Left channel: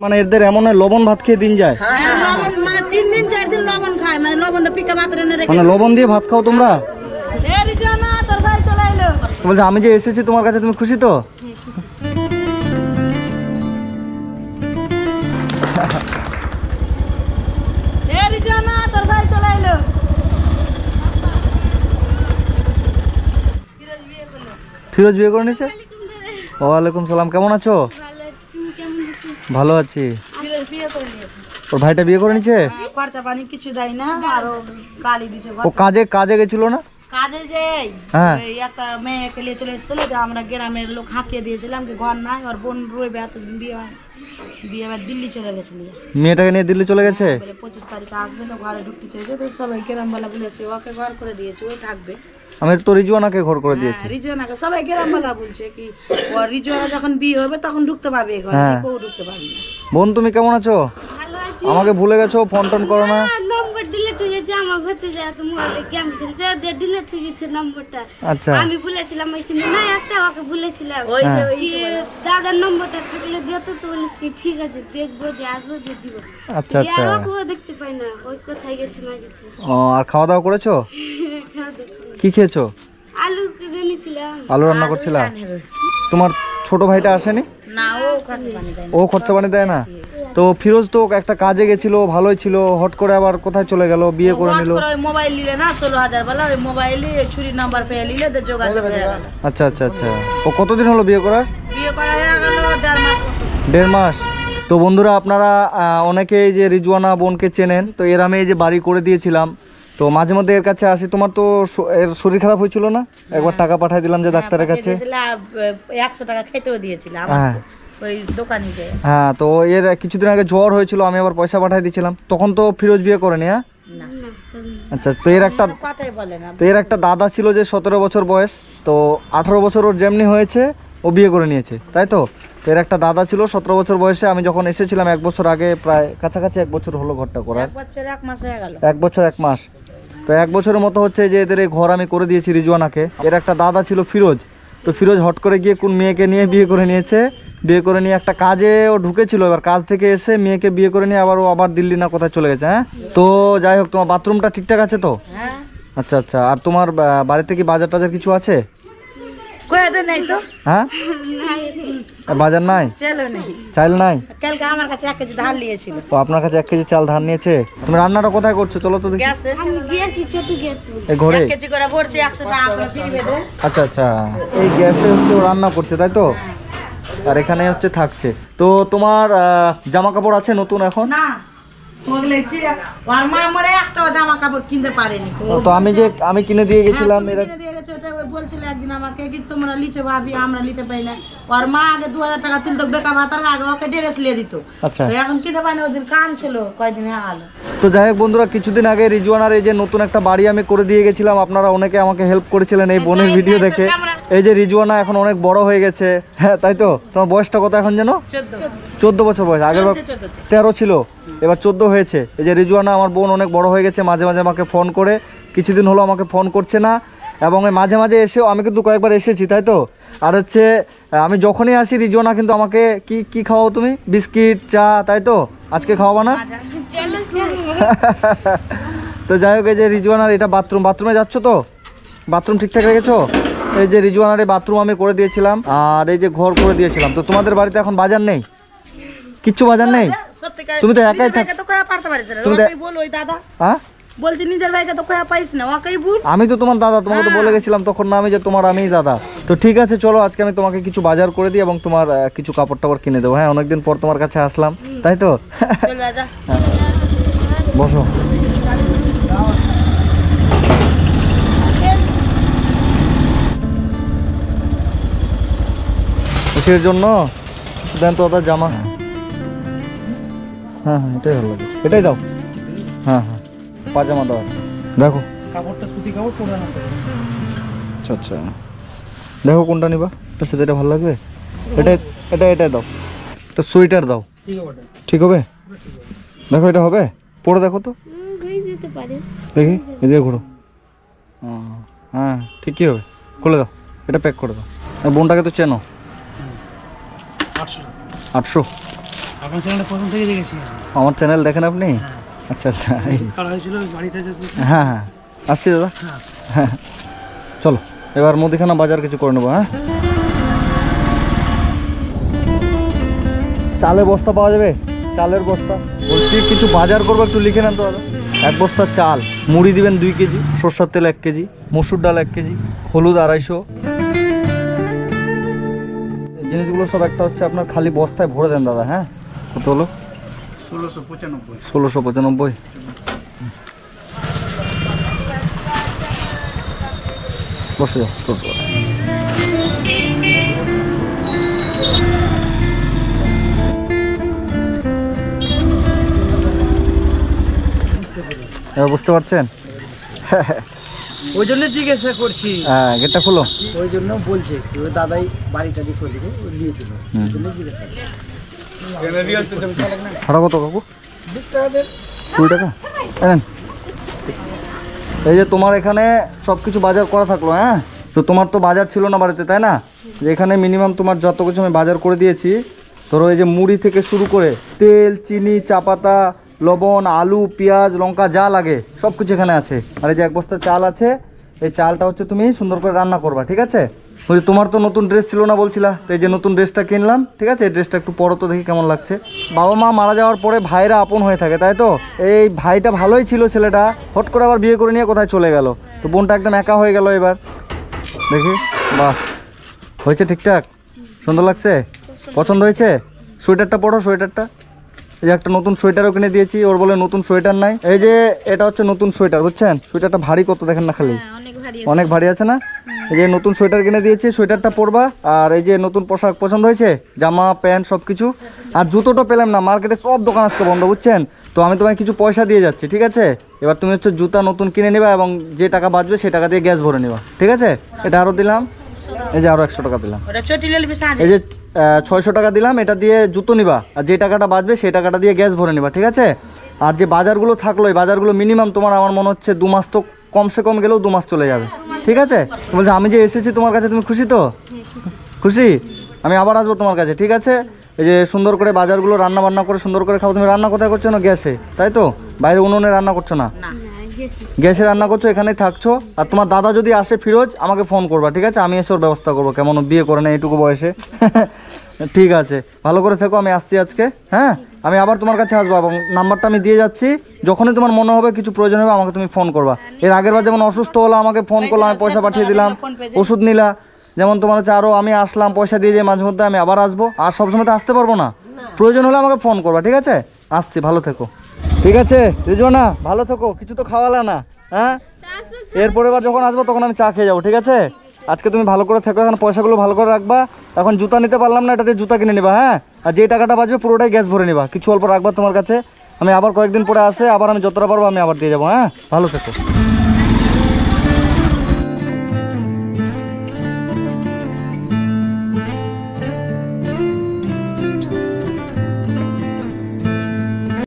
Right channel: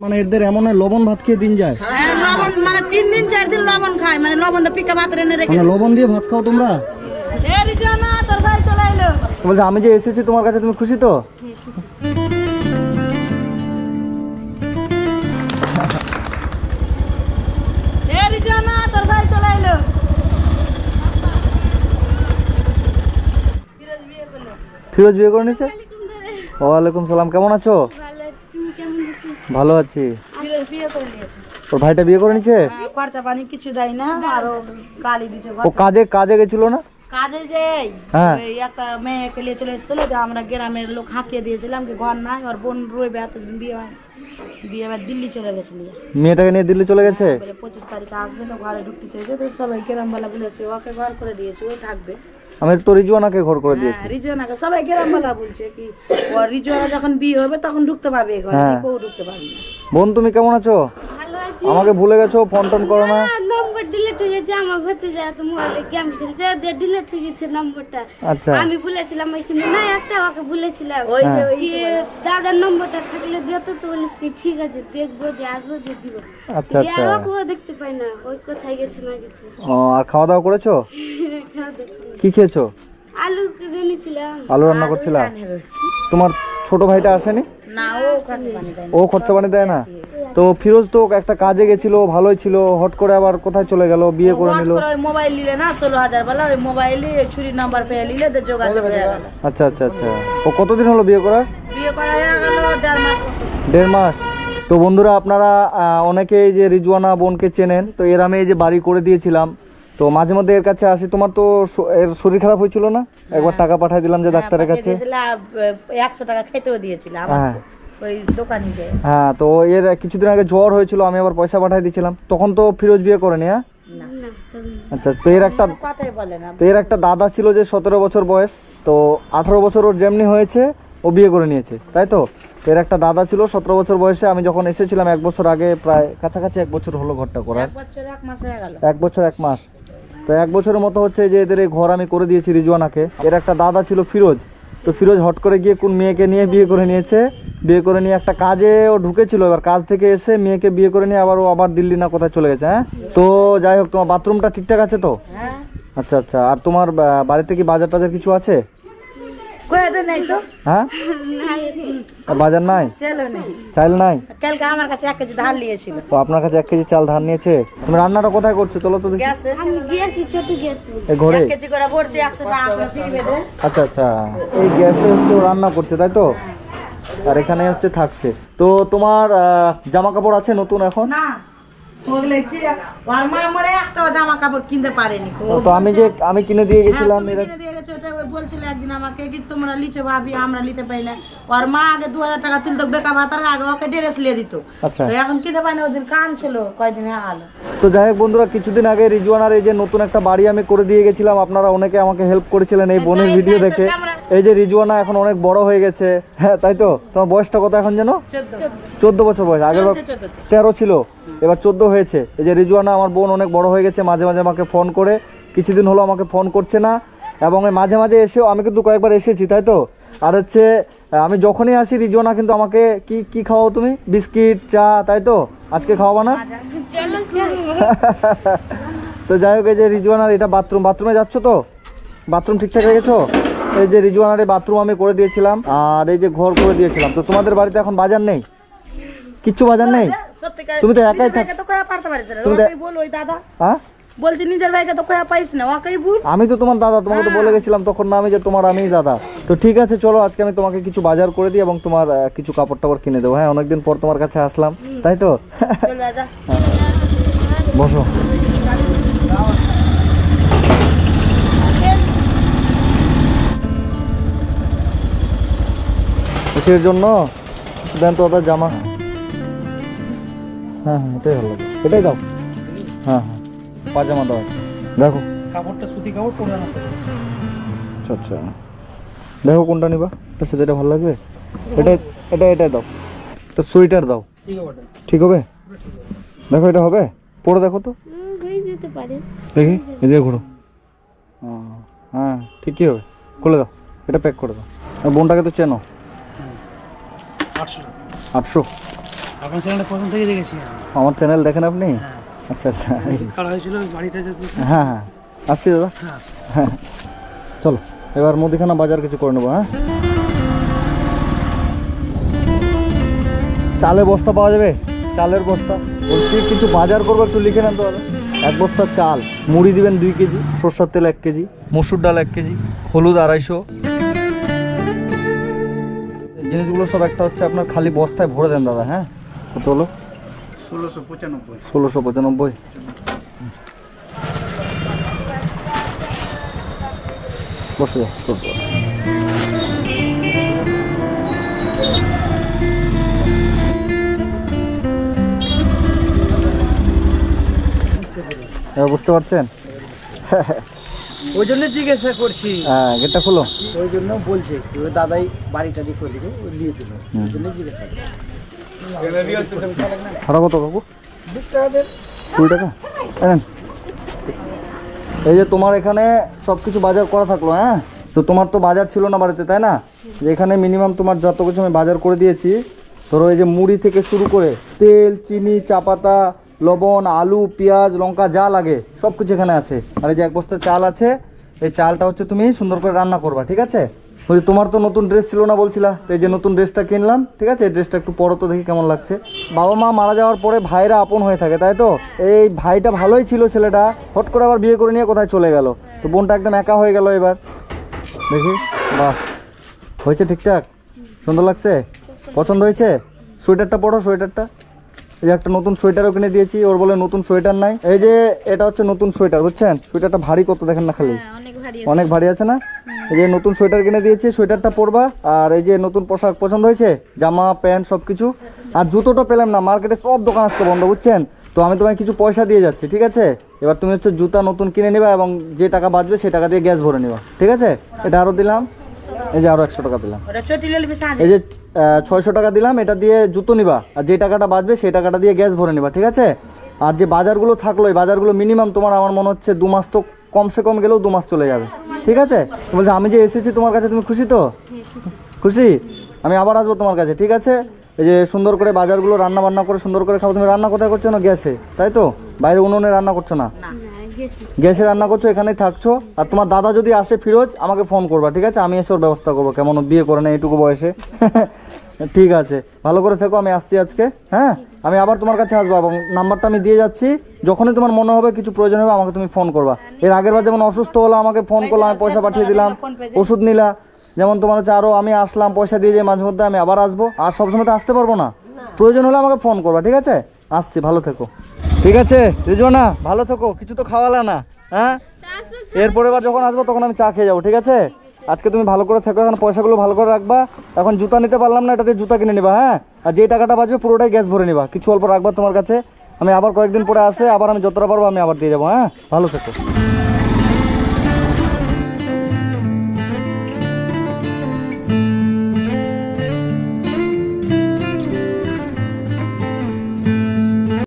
মানে এদের এমন লবণ ভাত খেয়ে দিন যায়, লবণ মানে 3 দিন 4 দিন লবণ খায়, মানে লবণ দিয়ে পিকা ভাত রেনে রেখে। মানে লবণ দিয়ে ভাত খাও তোমরা? এ রিজওয়ানা তোর ভাই চলে এলো। বলছে আমি যে এসেছি তোমার কাছে, তুমি খুশি তো? এ রিজওয়ানা তোর ভাই চলে এলো। ফিরোজ বিয়ে করে নিয়েছে? ওয়ালাইকুম সালাম, কেমন আছো? ভালো আছি। ফিরোজ বিয়ে করে নিয়েছে। ওর ভাইটা বিয়ে করে নিয়েছে? খরচা পানি কিছু দেয় না, আর ও গালি দিছে। ও কাজে গেছিল না? কাজে যে হ্যাঁ। ওই একটা মেয়েকে নিয়ে চলে এসেছিল, যে আমরা গ্রামের লোক হাঁকিয়ে দিয়েছিলাম কি ঘর নাই, ওর বোন রইবে, এতদিন বিয়ে হয় বিয়ে হয় দিল্লি চলে গেছিল। মেয়েটাকে নিয়ে দিল্লি চলে গেছে? বলে 25 তারিখে আসবে, তো ঘরে ঢুকতে চাইছে, তো সবাই গ্রামবালা বলেছে ওকে ঘর করে দিয়েছে, ওই থাকবে। আমি তো রিজওয়ানাকে ঘর করে দিয়েছি। রিজওয়ানাকে সবাই গ্রামবালা বলছে কি ও রিজওয়ানা যখন বিয়ে হবে তখন ঢুকতে পাবে এই ঘরে, কেউ ঢুকতে পারবে না। বোন তুমি কেমন আছো? ভালো আছি। আমাকে ভুলে গেছো, ফোন টোন করো না। নম্বর ডিলিট হয়ে গেছে, আমার ভাতিজা তো মোবাইলে গেম খেলছে, দিয়ে ডিলিট হয়ে গেছে নম্বরটা। আচ্ছা। আমি ভুলেছিলাম ওইখানে না একটা ওকে ভুলেছিলাম, ওই যে ওই কি দাদার নম্বরটা থাকলে দিও তো, তো বলিস কি ঠিক আছে দেখবো, যে আসবো যে দিব। আচ্ছা আচ্ছা। আর ওকেও দেখতে পাই না, ওই কোথায় গেছে না গেছে। ও, আর খাওয়া দাওয়া করেছো? খাওয়া দেখি। কি খেয়েছো? আলু কেটে নিয়েছিলাম। আলু রান্না করছিলা? তোমার ছোট ভাইটা আসেনি? না, ও খরচা পানি দেয় না। ও খরচা পানি দেয় না? তো ফিরোজ তো একটা কাজে গেছিল, ভালোই ছিল, হট করে আবার কোথায় চলে গেল, বিয়ে করে নিল? ওই মোবাইল নিলে না 16,000 বলা, ওই মোবাইলে ছুরি নাম্বার পেয়ে নিলে তো যোগাযোগ হয়ে গেল। আচ্ছা আচ্ছা আচ্ছা। ও কতদিন হলো বিয়ে করার? বিয়ে করা হয়ে গেল 1.5 মাস। 1.5 মাস। তো বন্ধুরা আপনারা অনেকেই যে রিজওয়ানা বোনকে চেনেন, তো এর আমি এই যে বাড়ি করে দিয়েছিলাম, তো মাঝে মধ্যে এর কাছে আসি। তোমার তো এর শরীর খারাপ হয়েছিল না, একবার টাকা পাঠিয়ে দিলাম যে ডাক্তারের কাছে। 100 টাকা খেতেও দিয়েছিলাম ওই দোকানে যে। হ্যাঁ, তো এর কিছুদিন আগে জ্বর হয়েছিল, আমি আবার পয়সা পাঠিয়ে দিয়েছিলাম। তখন তো ফিরোজ বিয়ে করেনি? হ্যাঁ। না, আচ্ছা। তো এর একটা কথাই বলে না। তো এর একটা দাদা ছিল যে 17 বছর বয়স, তো 18 বছর ওর যেমনি হয়েছে ও বিয়ে করে নিয়েছে, তাই তো? তো এর একটা দাদা ছিল 17 বছর বয়সে, আমি যখন এসেছিলাম 1 বছর আগে, প্রায় কাছাকাছি 1 বছর হলো ঘরটা করার। 1 বছর 1 মাস হয়ে গেল। 1 বছর 1 মাস। তো 1 বছরের মতো হচ্ছে যে এদের এই ঘর আমি করে দিয়েছি রিজওয়ানাকে। এর একটা দাদা ছিল ফিরোজ, তো ফিরোজ হট করে গিয়ে কোন মেয়েকে নিয়ে বিয়ে করে নিয়েছে। বিয়ে করে নিয়ে একটা কাজে ও ঢুকেছিল, এবার কাজ থেকে এসে মেয়েকে বিয়ে করে নিয়ে আবার ও আবার দিল্লি না কোথায় চলে গেছে। হ্যাঁ। তো যাই হোক, তোমার বাথরুমটা ঠিকঠাক আছে তো? হ্যাঁ। আচ্ছা আচ্ছা। আর তোমার বাড়িতে কি বাজার টাজার কিছু আছে? কইতে নাই তো। হ্যাঁ, বাজার নাই, চলো নেই, চাল নাই। কালকে আমার কাছে 1 কেজি ধান নিয়েছিল। তো আপনার কাছে 1 কেজি চাল ধার নিয়েছে। তুমি রান্নাটা কোথায় করছো চলো তো দেখি। গ্যাসে আমি গেছি, ছোট গেছি। এই ঘরে? 1 কেজি করে ভরছি, 100 টাকা করে ফ্রি দেবে। আচ্ছা আচ্ছা। এই গ্যাসে হচ্ছে ও রান্না করছে, তাই তো? আর এখানে হচ্ছে থাকছে। তো তোমার জামা কাপড় আছে নতুন এখন? না, ওগলেছি আর মা মরে একটা জামা কাপড় কিনতে পারেনি। তো আমি কিনে দিয়ে গেছিলাম। এরা কিনে দিয়ে গেছে, ওটা ওই বলছিল একদিন আমাকে কি তোমরা লিচে ভাবি, আমরা নিতে পাই না। ওর মা আগে 2000 টাকা তুলতো বেকা ভাতার আগে, ওকে ড্রেস লিয়ে দিত। আচ্ছা। তো এখন কিনতে পাই না, ওদিন কান ছিল কয়দিন আলো। তো যাই হোক বন্ধুরা, কিছুদিন আগে রিজওয়ানার এই যে নতুন একটা বাড়ি আমি করে দিয়ে গেছিলাম, আপনারা অনেকে আমাকে হেল্প করেছিলেন এই বোনের ভিডিও দেখে। এই যে রিজওয়ানা এখন অনেক বড় হয়ে গেছে। হ্যাঁ, তাই তো? তোমার বয়সটা কত এখন যেন? 14 বছর বয়স। আগের 13 ছিল, এবার 14 হয়েছে। এই যে রিজওয়ানা আমার বোন অনেক বড় হয়ে গেছে, মাঝে মাঝে আমাকে ফোন করে, কিছুদিন হলো আমাকে ফোন করছে না, এবং মাঝে মাঝে এসেও আমি কিন্তু কয়েকবার এসেছি, তাই তো? আর হচ্ছে আমি যখনই আসি রিজওয়ানা কিন্তু আমাকে কি খাওয়াও তুমি? বিস্কিট, চা, তাই তো? আজকে খাওয়াবা না? তো যাই হোক, এই যে রিজওয়ানার এটা বাথরুমে যাচ্ছ তো? বাথরুম ঠিকঠাক রেখেছো? এই যে রিজওয়ানার এই বাথরুম আমি করে দিয়েছিলাম, আর এই যে ঘর করে দিয়েছিলাম। তো তোমাদের বাড়িতে এখন বাজার নেই? কিচ্ছু বাজার নেই? তুমি তো একাই থাকো। তো কয়া পারতে পারিস না, ওকেই বল ওই দাদা। হ্যাঁ, বলছি নিজের ভাইকে তো কয়া পাইছ না, ওকেই বল। আমি তো তোমার দাদা, তোমাকে তো বলে গেছিলাম তখন না আমি যে আমিই দাদা। তো ঠিক আছে, চলো আজকে আমি তোমাকে কিছু বাজার করে দিই এবং তোমার কিছু কাপড় টাপড় কিনে দেবো। হ্যাঁ, অনেকদিন পর তোমার কাছে আসলাম, তাই তো? চলে যা। বসো। কিসের জন্য দেন তো ওটা জামা? হ্যাঁ হ্যাঁ, এটাই ভালো লাগে, এটাই দাও। হ্যাঁ হ্যাঁ, পাজামা দাও। দেখো কাপড়টা সুতি কাপড় পরে না। আচ্ছা আচ্ছা, দেখো কোনটা নিবা, এটা সেটা ভালো লাগবে। এটা দাও, এটা সোয়েটার দাও। ঠিক হবে? দেখো এটা হবে, পরে দেখো তো। হয়ে যেতে পারে, দেখি এদিকে ঘুরো। হ্যাঁ, ঠিকই হবে, খুলে দাও, এটা প্যাক করে দাও। আর বোনটাকে তো চেনো? 800। আপনার চ্যানেলটা প্রথম থেকে দেখেছি আমি। আমার চ্যানেল দেখেন আপনি? হ্যাঁ। আচ্ছা আচ্ছা। কারা হয়েছিল ওই বাড়িটা যদি। হ্যাঁ হ্যাঁ আসছি দাদা। হ্যাঁ হ্যাঁ চলো এবার মুদিখানা বাজার কিছু করে নেবো। হ্যাঁ চালের বস্তা পাওয়া যাবে? চালের বস্তা বলছি কিছু বাজার করবো, একটু লিখে নেন তো দাদা। 1 বস্তা চাল, মুড়ি দিবেন 2 কেজি, সরষের তেল 1 কেজি, মসুর ডাল 1 কেজি, হলুদ 250। এই জিনিসগুলো সব একটা হচ্ছে আপনার খালি বস্তায় ভরে দেন দাদা। হ্যাঁ কত হলো? 1695। 1695। বসে যাও চলতে পারো। এবার বুঝতে পারছেন? ওই জন্য জিজ্ঞাসা করছি, হ্যাঁ গেটটা খুলো। ওই জন্য বলছে ওই দাদাই বাড়িটা দিয়ে করে দিবে, ওই দিয়ে দিল, ওই জন্য জিজ্ঞাসা। ভাড়া কত কাকু? 20 টাকা দেন। 20 টাকা নেন। এই যে তোমার এখানে সব কিছু বাজার করা থাকলো। হ্যাঁ তো তোমার তো বাজার ছিল না বাড়িতে, তাই না? যে এখানে মিনিমাম তোমার যত কিছু আমি বাজার করে দিয়েছি, ধরো এই যে মুড়ি থেকে শুরু করে তেল, চিনি, চা পাতা, লবণ, আলু, পেঁয়াজ, লঙ্কা যা লাগে সব কিছু এখানে আছে। আর এই যে 1 বস্তা চাল আছে, এই চালটা হচ্ছে তুমি সুন্দর করে রান্না করবা, ঠিক আছে? ওই যে তোমার তো নতুন ড্রেস ছিল না বলছিলা, তো এই যে নতুন ড্রেসটা কিনলাম, ঠিক আছে? এই ড্রেসটা একটু পরো তো দেখি কেমন লাগছে। বাবা মা মারা যাওয়ার পরে ভাইরা আপন হয়ে থাকে, তাই তো? এই ভাইটা ভালোই ছিল ছেলেটা, হট করে আবার বিয়ে করে নিয়ে কোথায় চলে গেল, তো বোনটা একদম একা হয়ে গেল। এবার দেখি, বাহ হয়েছে ঠিকঠাক, সুন্দর লাগছে, পছন্দ হয়েছে? সোয়েটারটা পরো, সোয়েটারটা। এই যে একটা নতুন সোয়েটারও কিনে দিয়েছি, ওর বলে নতুন সোয়েটার নাই। এই যে এটা হচ্ছে নতুন সোয়েটার, বুঝছেন? সোয়েটারটা ভারী কত দেখেন না, খালি অনেক ভারী আছে না? এই যে নতুন সোয়েটার কিনে দিয়েছি, সোয়েটারটা পরবা। আর এই যে নতুন পোশাক পছন্দ হয়েছে, জামা প্যান্ট সব কিছু। আর জুতোটা পেলাম না, মার্কেটে সব দোকান আজকে বন্ধ, বুঝছেন? তো আমি তোমায় কিছু পয়সা দিয়ে যাচ্ছি, ঠিক আছে? এবার তুমি হচ্ছে জুতা নতুন কিনে নিবা এবং যে টাকা বাঁচবে সেই টাকা দিয়ে গ্যাস ভরে নিবা, ঠিক আছে? এটা আরও দিলাম, এই যে আরও 100 টাকা দিলাম। ওটা চটি লেলবি সাজে। এই যে 600 টাকা দিলাম, এটা দিয়ে জুতো নিবা, আর যে টাকাটা বাঁচবে সেই টাকাটা দিয়ে গ্যাস ভরে নিবা, ঠিক আছে? আর যে বাজারগুলো থাকলো, এই বাজারগুলো মিনিমাম তোমার আমার মনে হচ্ছে 2 মাস, তো কমসে কম গেলেও 2 মাস চলে যাবে, ঠিক আছে? তো বলছে আমি যে এসেছি তোমার কাছে, তুমি খুশি তো? খুশি? আমি আবার আসবো তোমার কাছে, ঠিক আছে? এই যে সুন্দর করে বাজারগুলো রান্না বান্না করে সুন্দর করে খাবো। তুমি রান্না কোথায় করছো না? গ্যাসে, তাই তো? বাইরে উনুনে রান্না করছো না? গ্যাসে রান্না করছো, এখানেই থাকছো। আর তোমার দাদা যদি আসে ফিরোজ, আমাকে ফোন করবা, ঠিক আছে? আমি এসে ওর ব্যবস্থা করবো, কেমন বিয়ে করে না এইটুকু বয়সে। ঠিক আছে, ভালো করে থেকো, আমি আসছি আজকে। হ্যাঁ আমি আবার তোমার কাছে আসবো এবং নাম্বারটা আমি দিয়ে যাচ্ছি, যখনই তোমার মনে হবে কিছু প্রয়োজন হবে আমাকে তুমি ফোন করবা। এর আগের বার যেমন অসুস্থ হলো আমাকে ফোন করলো, আমি পয়সা পাঠিয়ে দিলাম, ওষুধ নিলা। যেমন তোমার হচ্ছে আরও আমি আসলাম, পয়সা দিয়ে যাই মাঝে মধ্যে, আমি আবার আসবো। আর সবসময় তো আসতে পারবো না, প্রয়োজন হলে আমাকে ফোন করবা, ঠিক আছে? আসছি, ভালো থেকো, ঠিক আছে? রিজওয়ানা ভালো থেকো, কিছু তো খাওয়ালা না। হ্যাঁ এরপরে বার যখন আসবো তখন আমি চা খেয়ে যাবো, ঠিক আছে? আজকে তুমি ভালো করে থেকো, এখন পয়সাগুলো ভালো করে রাখবা। এখন জুতা নিতে পারলাম না, এটাতে জুতা কিনে নিবা। হ্যাঁ আর যে টাকাটা বাঁচবে পুরোটাই গ্যাস ভরে নিবা, কিছু অল্প রাখবা তোমার কাছে। আমি আবার কয়েকদিন পরে আসে, আবার আমি যতটা পারবো আমি আবার দিয়ে যাবো। হ্যাঁ ভালো থেকো।